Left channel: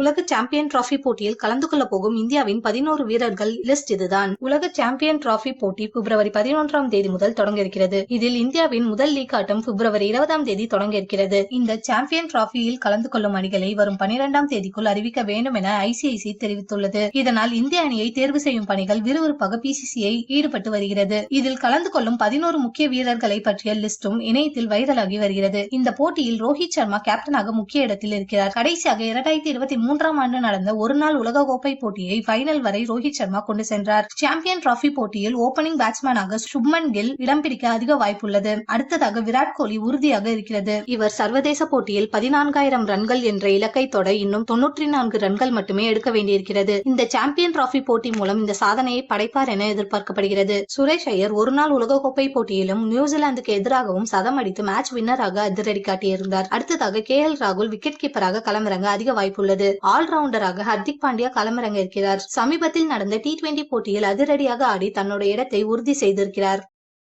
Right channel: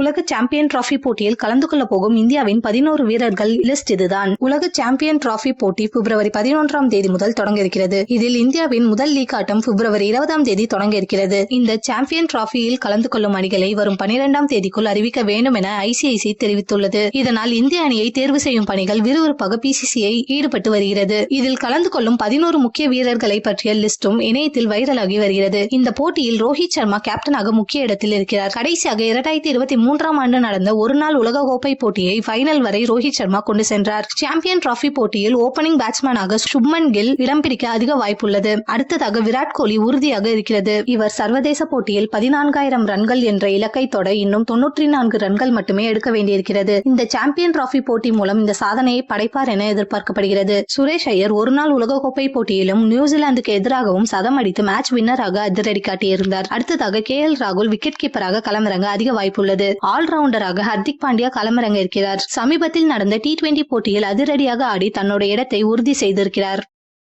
உலக champion trophy போட்டியில் கலந்து கொள்ள போகும் இந்தியாவின் 11 வீரர்கள் லிஸ்ட் இதுதான். உலக சாம்பியன் டிராபி போட்டி பிப்ரவரி 11ஆம் தேதி முதல் தொடங்க இருக்கிறது. இதில் இந்தியாவின் முதல் லீக் ஆட்டம் பிப்ரவரி 20ஆம் தேதி தொடங்க இருக்கிறது. இந்த சாம்பியன் டிராபியில் கலந்து கொள்ளும் அணிகளை வரும் 12ஆம் தேதிக்குள் அறிவிக்க வேண்டும் என ஐசிஐசி தெரிவித்துள்ளது. இதனால் இந்திய அணியை தேர்வு செய்யும் பணிகள் விறுவிறுப்பாக பிசிசிஐ ஈடுபட்டு வருகிறது. இதில் கலந்து கொள்ளும் 11 முக்கிய வீரர்களை பற்றிய லிஸ்டும் இணையத்தில் வைரலாகி வருகிறது. இந்த போட்டியில் ரோஹித் சர்மா கேப்டனாக முக்கிய இடத்தில் இருக்கிறார். கடைசியாக 2023ஆம் ஆண்டு நடந்த ஒருநாள் உலகக்கோப்பை போட்டியை ஃபைனல் வரை ரோஹித் சர்மா கொண்டு சென்றார். சாம்பியன் டிராபி போட்டியில் ஓபனிங் பேட்ஸ்மேனாக சுப்மன் கில் இடம் பிடிக்க அதிக வாய்ப்புள்ளது. அடுத்ததாக விராட் கோலி உறுதியாக இருக்கிறது. இவர் சர்வதேச போட்டியில் 14,000 ரன்கள் என்ற இலக்கை தொட இன்னும் 94 ரன்கள் மட்டுமே எடுக்க வேண்டியிருக்கிறது. இந்த சாம்பியன் டிராபி போட்டி மூலம் இந்த சாதனையை படைப்பார் என எதிர்பார்க்கப்படுகிறது. சுரேஷ் ஐயர் ஒருநாள் உலகக்கோப்பை போட்டியிலும் நியூசிலாந்துக்கு எதிராகவும் சதம் அடித்து மேட்ச் வின்னராக அதிரடி காட்டியிருந்தார். அடுத்ததாக KL ராகுல் விக்கெட் கீப்பராக களமிறங்க அதிக வாய்ப்புள்ளது. ஆல்ரவுண்டராக ஹர்திக் பாண்டியா களமிறங்க இருக்கிறார். சமீபத்தில் நடந்த T20 போட்டியில் அதிரடியாக ஆடி தன்னோட இடத்தை உறுதி செய்திருக்கிறார்.